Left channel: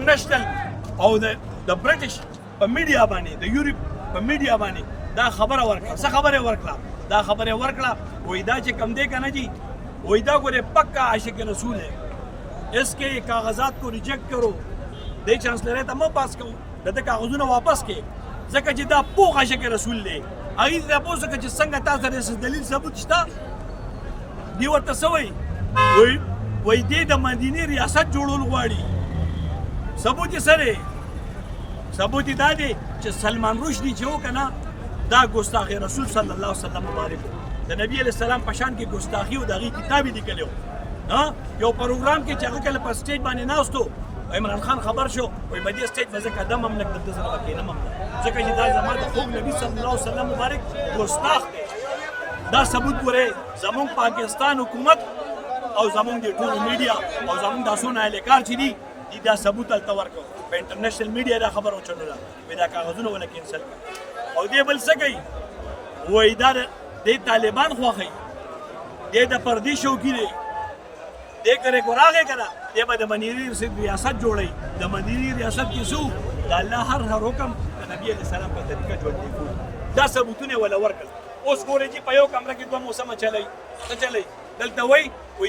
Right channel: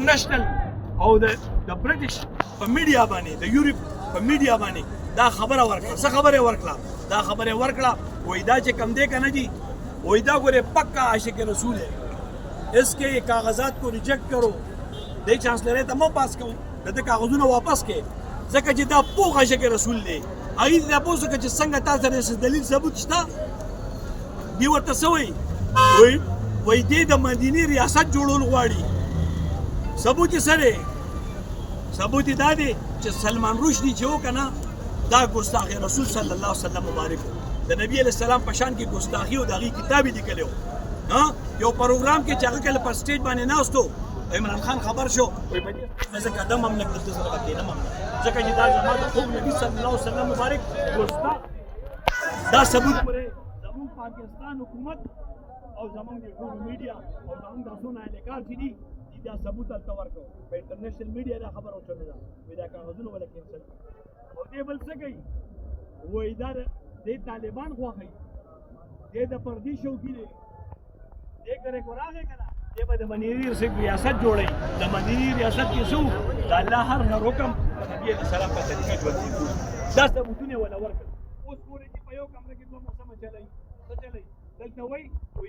انټرنیشنل او د برټش په میډیا باندې د یورپ په میډیا باندې دا خبره ورکړه څه خبره ورکړه دا خبره ورکړه وای دا چې کم دی که نه جی وای دا ګورې پکا عاشق رسول ہے اس کے کاغذات کو ریجیکٹ کرو دې چانسلر ته مو پاس کوو دته کاغذونه واپس کې ځکه چې دا پوخ عاشق رسول دی هغې ته تپوس وکړه چې څنګه تا سره دلیل ثبوت شته دې ورته څه وایي وایي دې د مدینې ریاست جوړول غواړي ثبوت یې څه دی ثبوت یې دا دی چې سلمان رشدي چې و که نه دا ګستاخ رسول صلی الله علیه وسلم مبارک د نبی علیه السلام په شان کې ګستاخي او د هغې کتاب یې لیکلی و یو پروګرام کې چې هغه کله په سټیج باندې ناست و عمران خان خبر شو وایي په دې سټیج به زه قدم هم نه ږدم دلته زه به کښېنم هم نه ځکه چې دا زما د خوږ نبي صلی الله علیه وسلم مبارک ګستاخ دی دا ثبوت ګورئ زمونږ پاکستان حکومت او زمونږ د ټولو میډیا او زمونږ دا څونه اهلکار چې دي دا ثبوت هلته ورکړو په انټرنیشنل میډیا دا خبره وچلوله وایي دا کاغذونه وله کینسل کړه او دې بل څه کوي وایي دا دې طالبان خوښوي دې د پردي شوقي دی دې کرے کو راغې که نه دې به د مدینې ریاست جوړوي د مدینې ریاست کې څه د الله هر حکم د نبي علیه السلام په طریقه ژوندي کړو دا ثبوتونه یې وله ورکړل اوس ګورئ چې په یو کمره کې دوه موسمه چلی څه چلی دلته وایي